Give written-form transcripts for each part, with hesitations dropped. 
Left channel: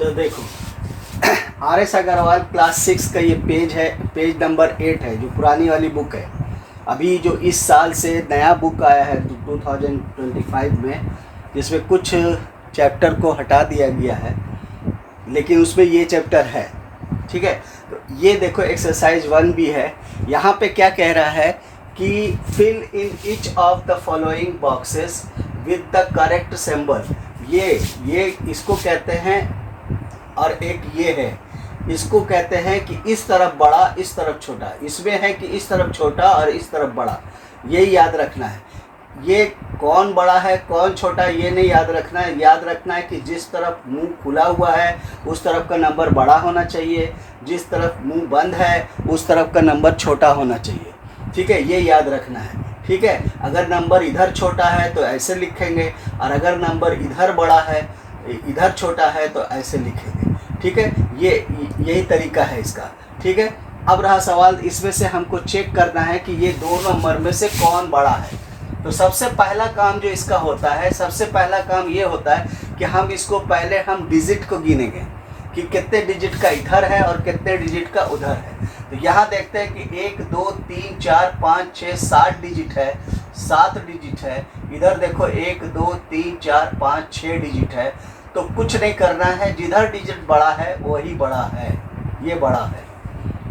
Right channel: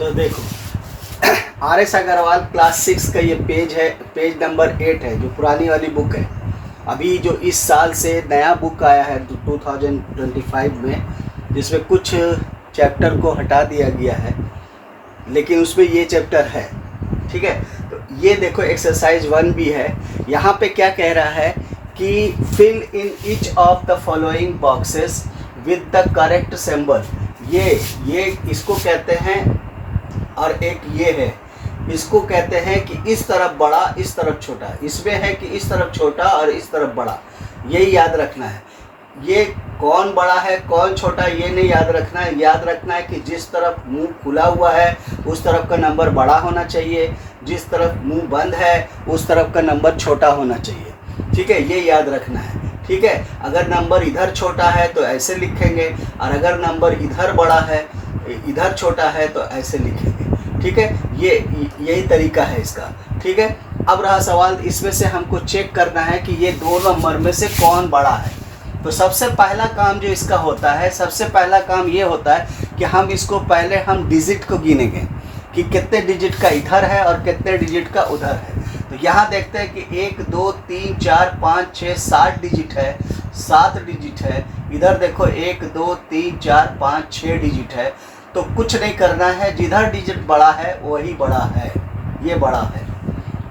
तो देखो R S Agarwal class 6 का ये पेज है, पेज नंबर 8 है, जो पुरानी वाली बुक है। अभी जो इस साल से नया बुक आया है 2025 में, जिसमें कुछ चैप्टर को हटा दिया गया है, लेकिन उसमें ये चैप्टर है। ठीक है, तो ये देखो एक्सरसाइज 1 भी है। यहाँ पे क्या कह रहा है कि fill in each of the following boxes with the correct symbol. ये इसको कहते हैं, और एक ये है, इसको कहते हैं कि इस तरफ बड़ा इस तरफ छोटा। इसमें है कि इस तरफ छोटा और इस तरफ बड़ा, यही याद रखना है। ये कौन बड़ा है कौन छोटा ये नहीं याद रखना है, याद रखना है कि जिस तरफ मुंह खुला हुआ है उस तरफ का नंबर बड़ा होना चाहिए, जिस तरफ मुंह बंद है उस तरफ का नंबर छोटा होना चाहिए। ठीक है, ये याद रखना है। ठीक है, अगर नंबर इधर छोटा है तो ऐसे लिखेंगे, और अगर नंबर इधर बड़ा है इधर छोटा है तो ऐसे लिखेंगे। ठीक है, यही तरीका है इसका। ठीक है, अब रहा सवाल, इसमें से हमको चेक करना है कि ये दो नंबर में से कौन बड़ा है। तो सबसे पहला काम जो इसका होता है, सबसे पहला काम ये होता है कि हम इसको पहले हम डिजिट को गिनेंगे कि कितने डिजिट का इधर है और कितने डिजिट का उधर है। तो यहाँ देखते हैं कि 1 2 3 4 5 6 7 डिजिट है, 7 डिजिट है। इधर देखो 1 2 3 4 5 6 डिजिट है। तो कुछ नहीं करना है, जिधर डिजिट बड़ा है वही बड़ा है, ये बड़ा है।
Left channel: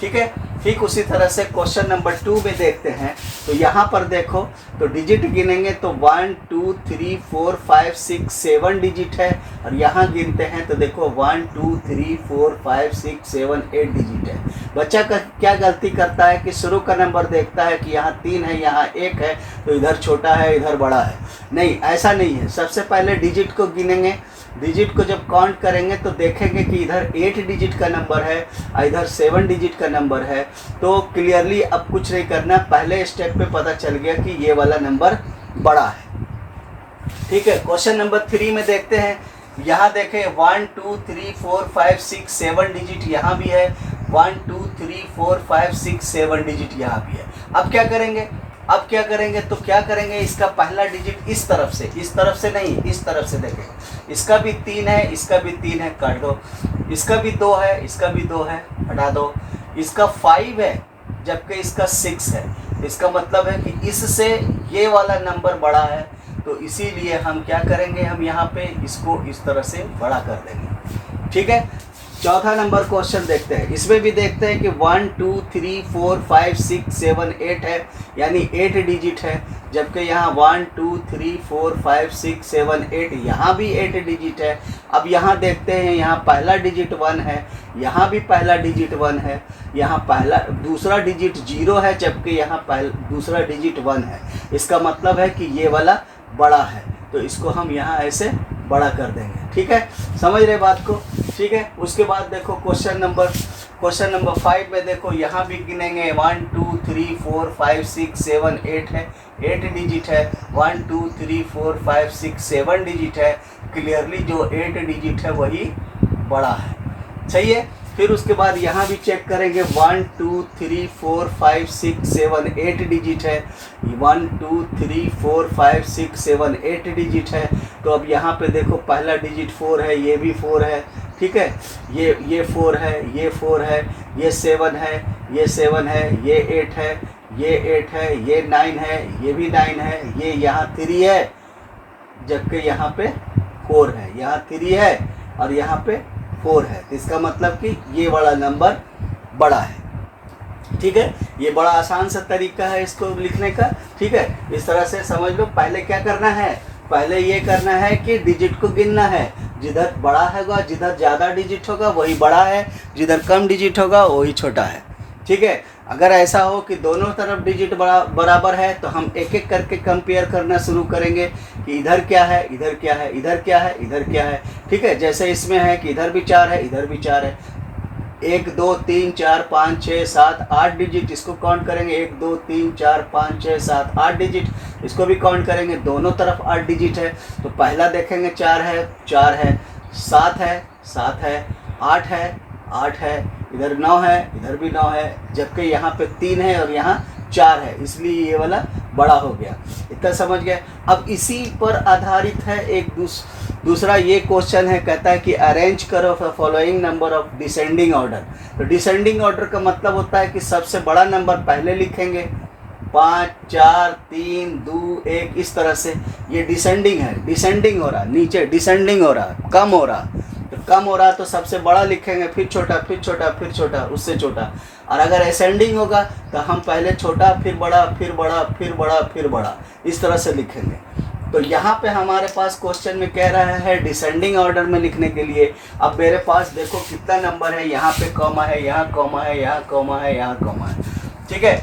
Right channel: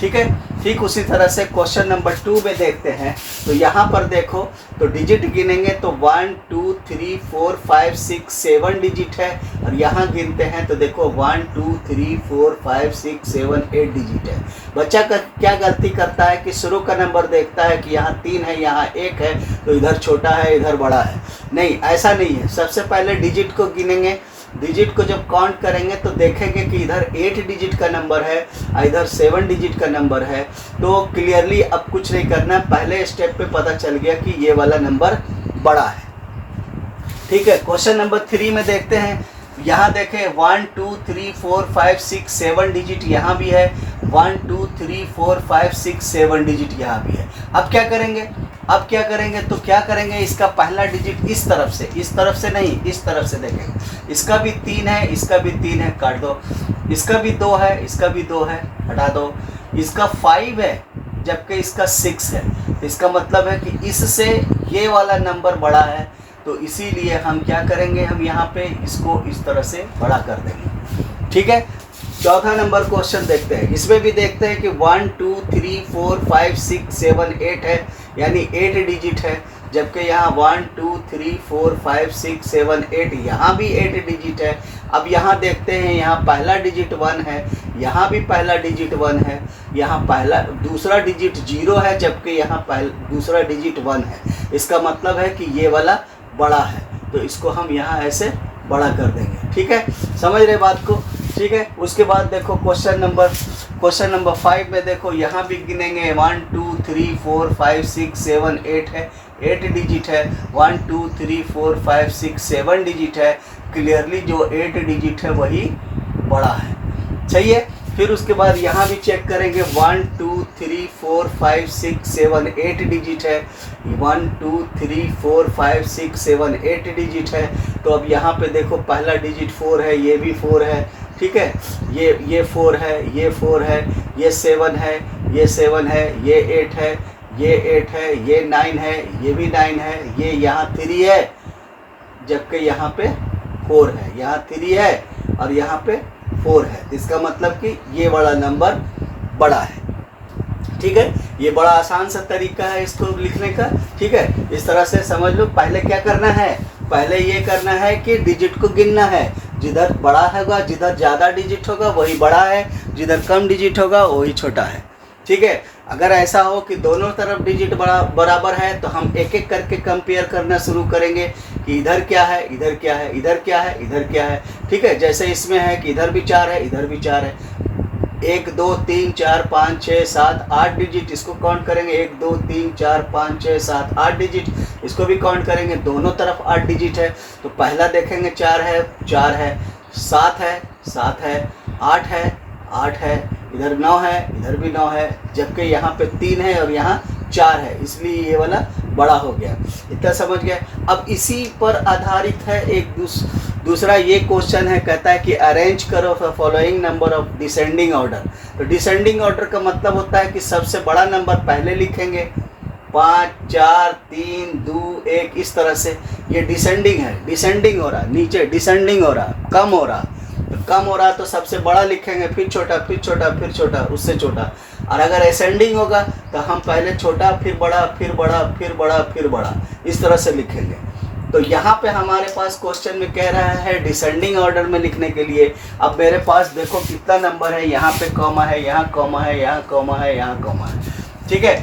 ठीक है, ठीक उसी तरह से क्वेश्चन नंबर 2 में देखते हैं। तो यहाँ पर देखो, तो डिजिट गिनेंगे तो 1 2 3 4 5 6 7 डिजिट है, और यहाँ गिनते हैं तो देखो 1 2 3 4 5 6 7 8 डिजिट है। बच्चा का क्या गलती करता है कि शुरू का नंबर देखता है कि यहाँ 3 है यहाँ 1 है, तो इधर छोटा है इधर बड़ा है। नहीं, ऐसा नहीं है। सबसे पहले डिजिट को गिनेंगे। डिजिट को जब काउंट करेंगे तो देखेंगे कि इधर 8 डिजिट का नंबर है और इधर 7 डिजिट का नंबर है। तो क्लियरली अब कुछ नहीं करना, पहले स्टेप पे पता चल गया कि ये वाला नंबर बड़ा है। ठीक है, क्वेश्चन नंबर 3 में देखते हैं। यहाँ देखें 1 2 3 4 5 6 7 डिजिट यहाँ भी है, 1 2 3 4 5 6 7 डिजिट यहाँ भी है। अब क्या करेंगे, तो क्या करेंगे, इसका पहला डिजिट इस तरफ से नहीं, इस तरफ से देखेंगे। इसका भी 3 है, इसका भी 3 है, काट दो। इसका भी 2 है, इसका भी 2 है, हटा दो। इसका 5 है जबकि इसका 6 है। इसका मतलब है कि इससे ये वाला नंबर बड़ा है, तो इसीलिए हम क्या करेंगे, हम यहाँ पे इसको इस तरह से बड़ा कर देंगे। ठीक है, चौथा नंबर क्वेश्चन देखते हैं। इसमें भी देखते हैं कि 1 2 3 4 5 6 7 8 है, यानी 8 डिजिट है, जबकि यहाँ 1 2 3 4 5 6 7 8 यहाँ भी 8 डिजिट है। अब यहाँ देखते हैं, यहाँ पहला डिजिट 1 है, यहाँ भी पहला डिजिट 1 है, यहाँ दूसरा डिजिट 0 है, जबकि यहाँ दूसरा डिजिट 1 है। इसका मतलब है कि ये वाला बड़ा है, तो इसको हम यहाँ ऐसे बड़ा कर देंगे। ठीक है, समझ रहे बात को। ठीक है, उसके बाद देखो क्वेश्चन नंबर 5 में देखो, यहाँ भी गिनेंगे 1 2 3 4 5 6 7 8 है, 8 डिजिट है, 1 2 3 4 5 6 7 डिजिट है। क्लियरली जो 8 डिजिट है वही बड़ा है। सही है, फिर उसके बाद यहाँ भी चेक करेंगे 1 2 3 4 5 6 7 8 डिजिट है, 1 2 3 4 5 6 7 8 डिजिट है। तो अब यहाँ पे देखो पहला डिजिट 4 है, ये भी 4 है। ठीक है, ये 4 है, ये 4 है, ये 7 है, ये 7 है, ये 8 है, ये 8 है, ये 9 है, ये भी 9 है, ये यहाँ 3 है, जबकि यहाँ पे 4 है, यहाँ 3 है और यहाँ पे 4 है। इसका मतलब कि ये वाला नंबर बड़ा है। ठीक है, ये बड़ा आसान सा तरीका है इसको लिखने का। ठीक है, इस तरह से समझ लो। पहले क्या करना है, पहले ये करना है कि डिजिट को गिनना है। जिधर बड़ा होगा, जिधर ज़्यादा डिजिट होगा वही बड़ा है, जिधर कम डिजिट होगा वही छोटा है। ठीक है, अगर ऐसा हो कि दोनों तरफ डिजिट बराबर है तो हम एक एक करके कंपेयर करना शुरू करेंगे कि इधर क्या है, इधर क्या है, इधर क्या है, इधर क्या है। ठीक है, जैसे इसमें है कि इधर भी 4 है, इधर भी 4 है। 1 2 3 4 5 6 7 8 डिजिट, इसको काउंट करेंगे। 1 2 3 4 5 6 7 8 डिजिट, इसको भी काउंट करेंगे। दोनों तरफ 8 डिजिट है, तो पहला देखेंगे 4 है, 4 है, 7 है, 7 है, 8 है, 8 है, इधर 9 है, इधर भी 9 है, जबकि यहाँ पे 3 है और यहाँ 4 है, इसलिए ये वाला बड़ा हो गया। इतना समझ गया। अब इसी पर आधारित है दूसरा ये क्वेश्चन है, कहता है कि अरेंज करो following number of descending order. तो डिसेंडिंग ऑर्डर का मतलब होता है कि सबसे बड़ा नंबर पहले लिखेंगे, 5 4 3 2 1 इस तरह से। ये डिसेंडिंग है, डिसेंडिंग हो रहा, नीचे डिसेंडिंग हो रहा, कम हो रहा। तो कम हो रहा तो सबसे बड़ा लिखेंगे, फिर छोटा, फिर छोटा, फिर छोटा, उससे छोटा। और अगर असेंडिंग होगा तो हम पहले छोटा, फिर बड़ा, फिर बड़ा, फिर बड़ा, फिर बड़ा, इस तरह से लिखेंगे। तो यहाँ पे हमारे पास क्वेश्चन में कह रहा है डिसेंडिंग ऑर्डर में लिखने के लिए। अब मेरे पास देखो कितना नंबर है, यहाँ पे कॉमा है, यहाँ कॉमा है, यहाँ कॉमा है, यहाँ कॉमा है, ठीक है।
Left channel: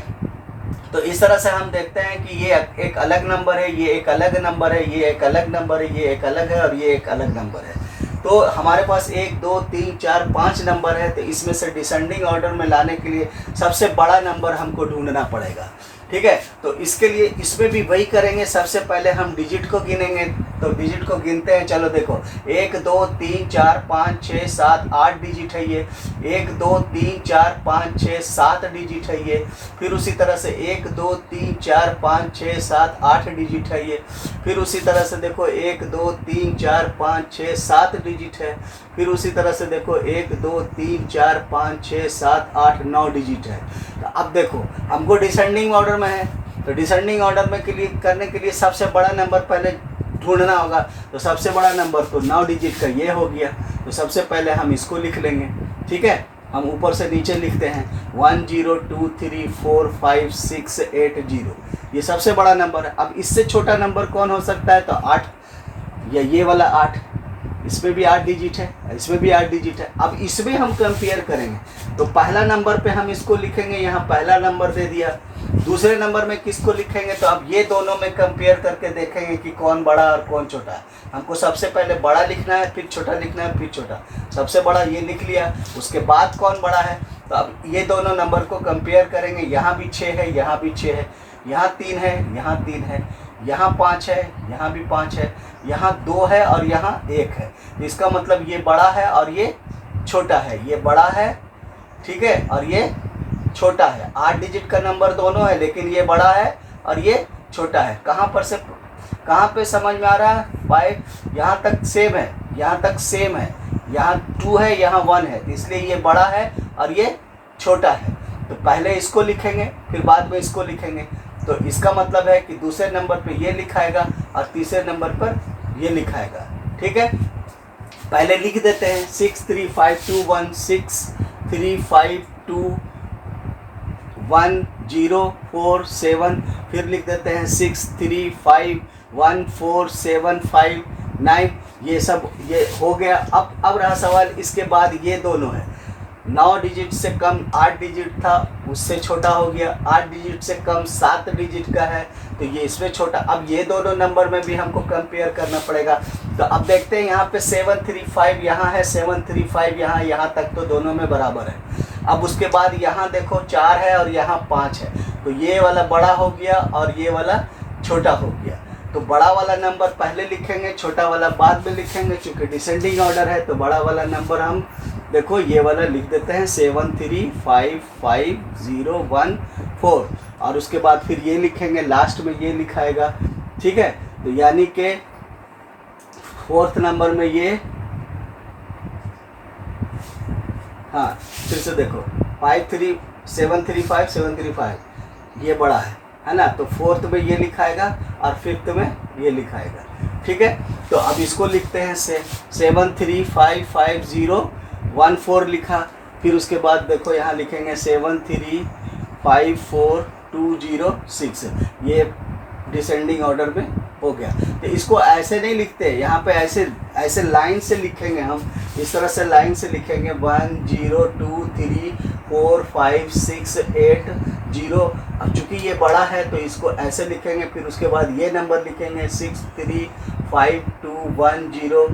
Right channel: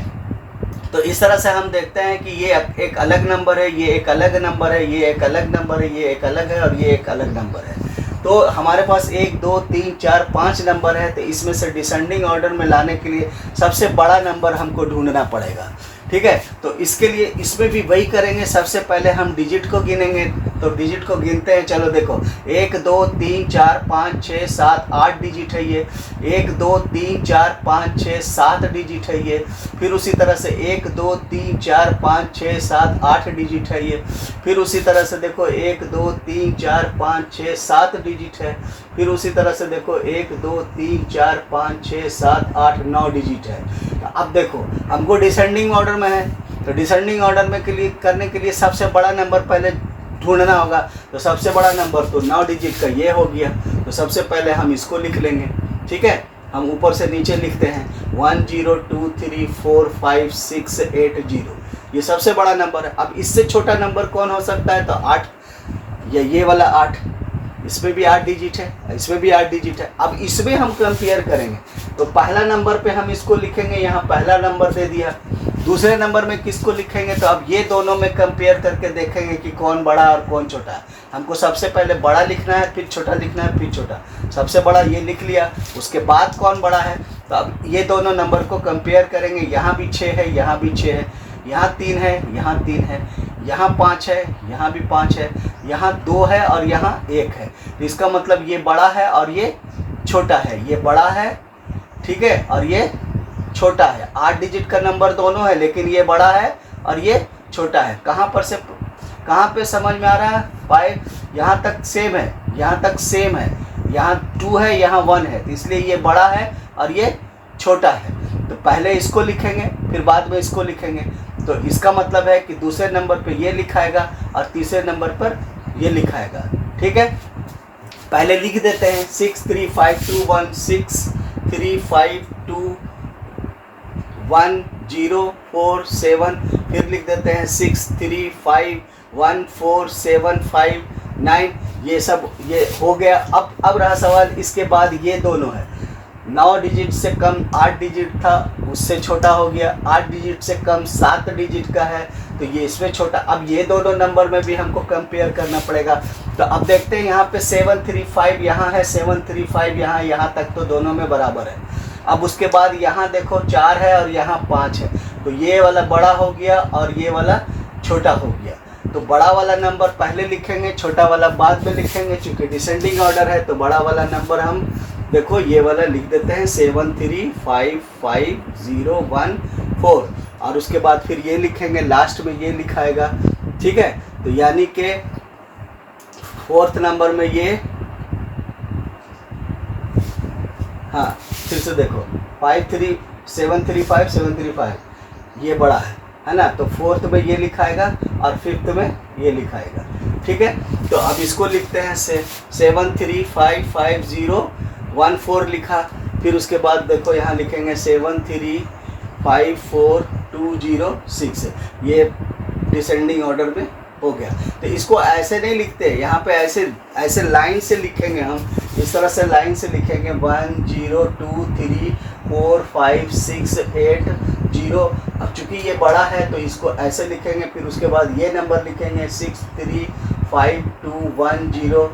तो इस तरह से हम देखते हैं कि ये एक अलग नंबर है, ये एक अलग नंबर है, ये एक अलग नंबर है, ये एक अलग है और ये एक अलग नंबर है। तो हमारे पास 1 2 3 4 5 नंबर है। तो इसमें से डिसेंडिंग ऑर्डर में लाने के लिए सबसे बड़ा नंबर हमको ढूंढना पड़ेगा, ठीक है। तो इसके लिए इसमें भी वही करेंगे, सबसे पहले हम डिजिट को गिनेंगे। तो डिजिट को गिनते हैं, चलो देखो 1 2 3 4 5 6 7 8 डिजिट है ये। 1 2 3 4 5 6 7 डिजिट है ये। फिर उसी तरह से 1 2 3 4 5 6 7 8 डिजिट है ये। फिर उसी तरह से देखो 1 2 3 4 5 6 7 डिजिट है। फिर उसी तरह से देखो 1 2 3 4 5 6 7 8 9 डिजिट है। तो अब देखो हमको डिसेंडिंग ऑर्डर में है, तो डिसेंडिंग ऑर्डर में के लिए करने के लिए सबसे बड़ा नंबर पहले ढूंढना होगा। तो सबसे बड़ा नंबर तो 9 डिजिट का ये हो गया। तो सबसे पहले हम इसको लिख लेंगे, ठीक है। हम ऊपर से नीचे लिखते हैं 1 0 2 3 4 5 6 8 0, ये सबसे बड़ा नंबर है। अब इससे छोटा नंबर कौन हो सकता है? तो 8, या ये वाला 8, इसमें भी 8 डिजिट है, इसमें भी 8 डिजिट है। अब इसमें हम कंपेयर करेंगे, तो पहला नंबर पे हम इसको लिखेंगे, यहाँ पहला नंबर दे दिया। दूसरे नंबर में किसको लिखेंगे? तो अब ये दोनों में कंपेयर करके देखेंगे कि कौन बड़ा और कौन छोटा है। हमको सबसे पहले बड़ा लिखना है, फिर छोटा लिखना है, फिर छोटा। सबसे बड़ा ये लिख लिया, उसके बाद कौन बड़ा है। तो अब ये दोनों नंबर को कंपेयर करेंगे, यहाँ भी 6 है, यहाँ भी 6 है, यहाँ 3 है, यहाँ 3 है, यहाँ 5 है, यहाँ भी 5 है, यहाँ 2 है और यहाँ 1 है। तो इसका मतलब ये बड़ा है और ये छोटा है, ये बड़ा है, ठीक है, और ये छोटा है। 8 डिजिट का नंबर दोनों है, लेकिन ये बड़ा है और ये छोटा है। कहाँ पे समझ में आ रहा है? 5 यहाँ तक सेम है, यहाँ तक सेम है, यहाँ 2 है, यहाँ 1 है, तो इसलिए ये बड़ा है और ये छोटा है। तो पहले इसको लिखेंगे, फिर बाद में इसको लिखेंगे। तो इसका मतलब है कि दूसरे नंबर पे ये लिखाएगा और तीसरे नंबर पर ये लिखाएगा, ठीक है। पहले लिख देते हैं 6 3 5 2 1 6 3 5 2 1 0 4 7, फिर लिख देते हैं 6 3 5 1 4 7 5 9। ये सब ये हो गया। अब रहा सवाल, इसके बाद ये दोनों है। 9 डिजिट से कम 8 डिजिट था, उससे छोटा हो गया। 8 डिजिट से कम 7 डिजिट का है, तो ये इसमें छोटा। अब ये दोनों नंबर में भी हमको कंपेयर करना पड़ेगा। तो अब देखते हैं, यहाँ पे 7 3 5 यहाँ है, 7 3 5 यहाँ तक तो दोनों में बराबर है। अब उसके बाद यहाँ देखो 4 है और यहाँ 5 है, तो ये वाला बड़ा हो गया और ये वाला छोटा हो गया। तो बड़ा वाला नंबर पहले लिखेंगे, छोटा वाला बाद में लिखेंगे। चूँकि डिसेंडिंग ऑर्डर है तो बड़ा वाला नंबर हम देखो ये वाला लिख देते हैं 7 3 5 5 0 1 4, और उसके बाद फिर ये लिखेंगे, लास्ट में ये लिखाएगा, ठीक है। तो यानी कि 4th नंबर में ये, हाँ फिर से देखो 7 3 5 7 3 5 ये बड़ा है ना। तो 4th में ये लिखाएगा और 5th में ये लिखाएगा, ठीक है। तो अब इसको लिखते हैं 7 3 5 5 0 1 4 लिखा। फिर उसके बाद देखो यहाँ लिखेंगे 7 3 5 4 2 0 6, ये डिसेंडिंग ऑर्डर में हो गया। तो इसको ऐसे नहीं लिखते, यहाँ पे ऐसे लाइन से लिखेंगे हम, इस तरह से लाइन से लिखेंगे 1 0 2 3 4 5 6 8 0। अब चूँकि ये बड़ा है तो इसको ऐसे लिखेंगे, फिर उसके बाद ये नंबर लिखेंगे 6 3 5 2 1 0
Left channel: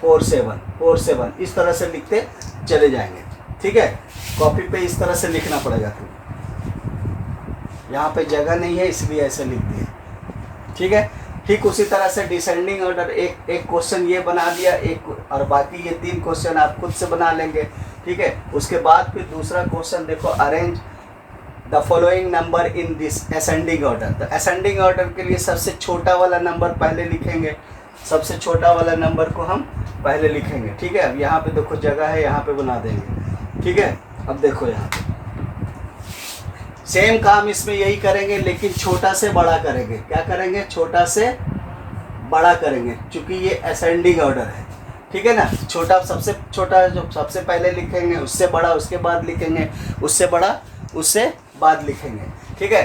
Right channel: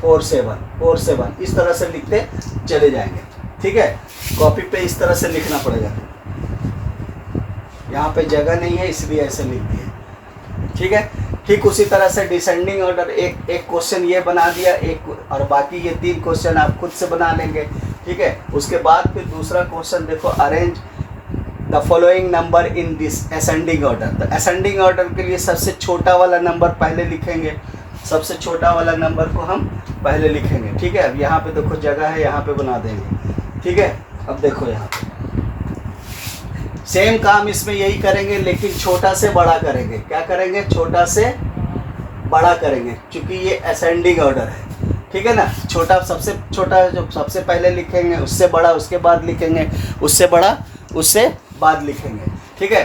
4 7, इस तरह से लिखते चले जाएंगे, ठीक है। कॉपी पे इस तरह से लिखना पड़ेगा, यहाँ पे जगह नहीं है इसलिए ऐसे लिख दिए, ठीक है। ठीक उसी तरह से डिसेंडिंग ऑर्डर एक क्वेश्चन ये बना दिया, एक और बाकी ये 3 क्वेश्चन आप खुद से बना लेंगे, ठीक है। उसके बाद फिर दूसरा क्वेश्चन देखो, arrange the following number in this ascending order. तो असेंडिंग ऑर्डर के लिए सबसे छोटा वाला नंबर पहले लिखेंगे, सबसे छोटा वाला नंबर को हम पहले लिखेंगे, ठीक है। अब यहाँ पे देखो जगह है, यहाँ पे बना देंगे, ठीक है। अब देखो यहाँ पे सेम काम इसमें यही करेंगे, लेकिन छोटा से बड़ा करेंगे। क्या करेंगे? छोटा से बड़ा करेंगे, क्योंकि ये असेंडिंग ऑर्डर है, ठीक है ना। छोटा सबसे छोटा जो सबसे पहले लिखेंगे, उससे बड़ा उसके बाद लिखेंगे, उससे बड़ा उससे बाद लिखेंगे, ठीक है।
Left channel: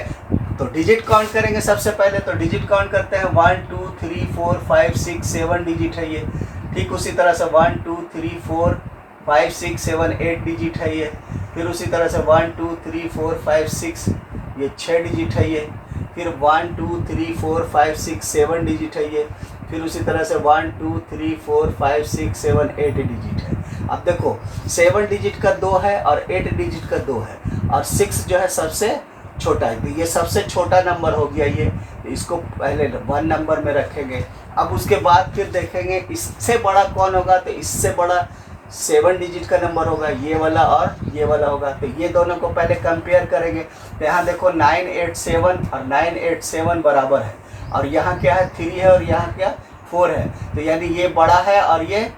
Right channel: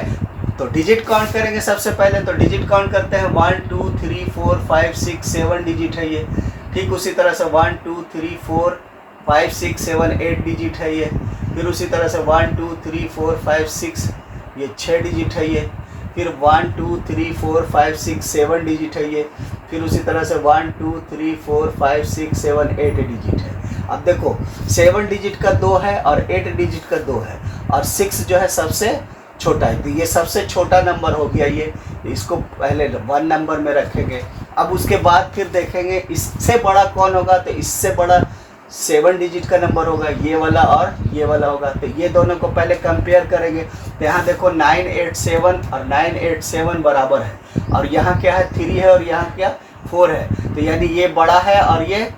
तो डिजिट काउंट करेंगे सबसे पहले। तो डिजिट काउंट करते हैं 1 2 3 4 5 6 7 डिजिट है ये। ठीक उसी तरह से 1 2 3 4 5 6 7 8 डिजिट है ये। फिर उसी तरह से 1 2 3 4 5 6 ये 6 डिजिट है ये। फिर 1 2 3 4 5 6 7 डिजिट है ये। फिर उसी तरह से 1 2 3 4 5 6 7 8 डिजिट है। अब देखो 7 डिजिट का 2 है और 8 डिजिट का 2 है, और 6 जो है सबसे छोटा है। तो ये सबसे छोटा नंबर हो गया ये। इसको पहले 1 नंबर में रखेंगे। अब उसके बाद फिर देखेंगे इससे बड़ा कौन होगा। तो इससे बड़ा 7 डिजिट का नंबर होगा, ये वाला और ये वाला होगा। तो ये दोनों को पहले कंपेयर करेंगे। तो यहाँ देखो 987 और 987 बराबर है, और यहाँ क्या है 3 है और यहाँ क्या 4 है। तो यानी ये बड़ा है और ये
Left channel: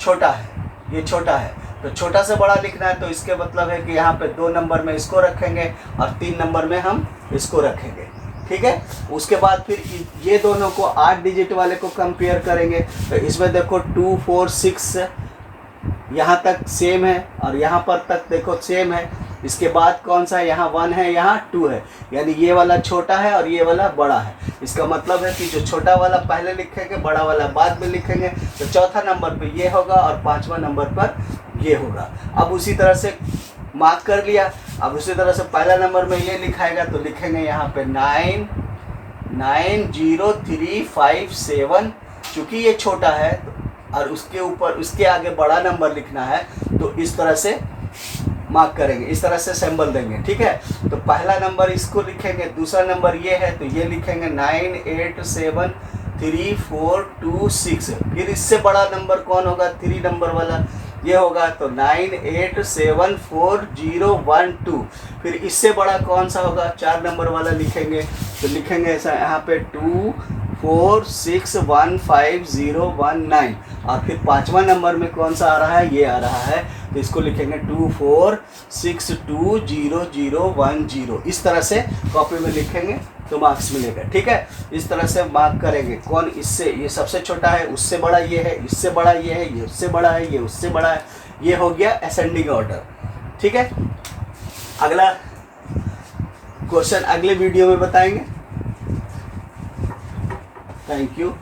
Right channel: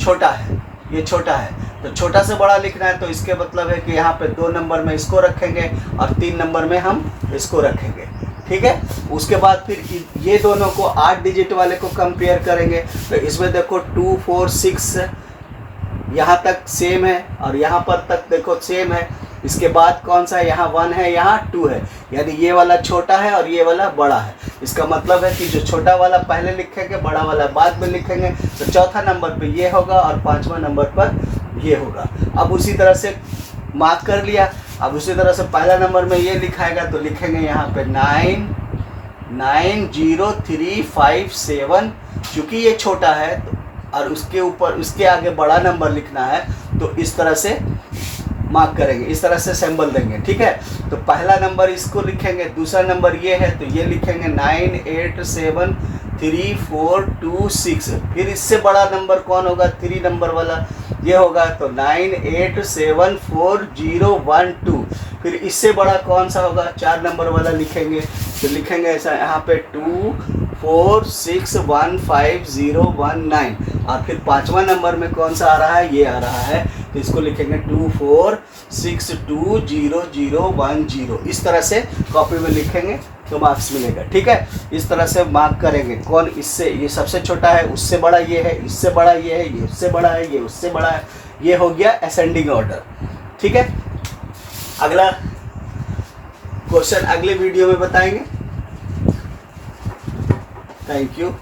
छोटा है, ये छोटा है। तो छोटा से बड़ा लिखना है, तो इसके मतलब है कि यहाँ पे 2 नंबर में इसको रखेंगे और 3 नंबर में हम इसको रखेंगे, ठीक है। उसके बाद फिर ये दोनों को 8 डिजिट वाले को कंपेयर करेंगे। तो इसमें देखो 2 4 6 यहाँ तक सेम है, और यहाँ पर तक देखो सेम है। इसके बाद कौन सा है? यहाँ 1 है, यहाँ 2 है। यानी ये वाला छोटा है और ये वाला बड़ा है। इसका मतलब है कि जो छोटा वाला पहले लिखेंगे, बड़ा वाला बाद में लिखेंगे। तो चौथा नंबर पे ये होगा और 5वां नंबर पर ये होगा। अब उसी तरह से मार्क कर लिया। अब उसी तरह से पहला नंबर में ये लिखाएगा, तो लिखेंगे यहाँ पे 99357। चूँकि ये छोटा है और उसके ऊपर उसके आगे बड़ा नंबर लिखना है, तो इस तरह से मार्क करेंगे, इस तरह से सिंबल देंगे, ठीक है। तो पहला नंबर इसको लिखेंगे, दूसरा नंबर ये है तो ये लिखेंगे 9873426। फिर इससे बड़ा नंबर कौन होगा? 3 नंबर वाला ये होगा, तो 9874012। फिर इससे बड़ा कौन सा होगा? 4 नंबर वाला लिखेंगे। तो लिखेंगे ऐसा यहाँ पे 24615019। और फिर 5वां नंबर में कौन सा आ रहा है? ये आ रहा है, तो इसको लिखेंगे 24620010। इस तरह से कॉपी में लिखेंगे तो मार्क्स मिलेगा, ठीक है। इस तरह से मार्क करेंगे कौन इससे, ये सबसे छोटा है, उससे बड़ा ये है, इससे बड़ा ये है, ये उससे बड़ा है, ये उससे बड़ा है। ये हो गया असेंडिंग ऑर्डर, ठीक है। अगला क्वेश्चन अगले वीडियो में बताएंगे। Thank you.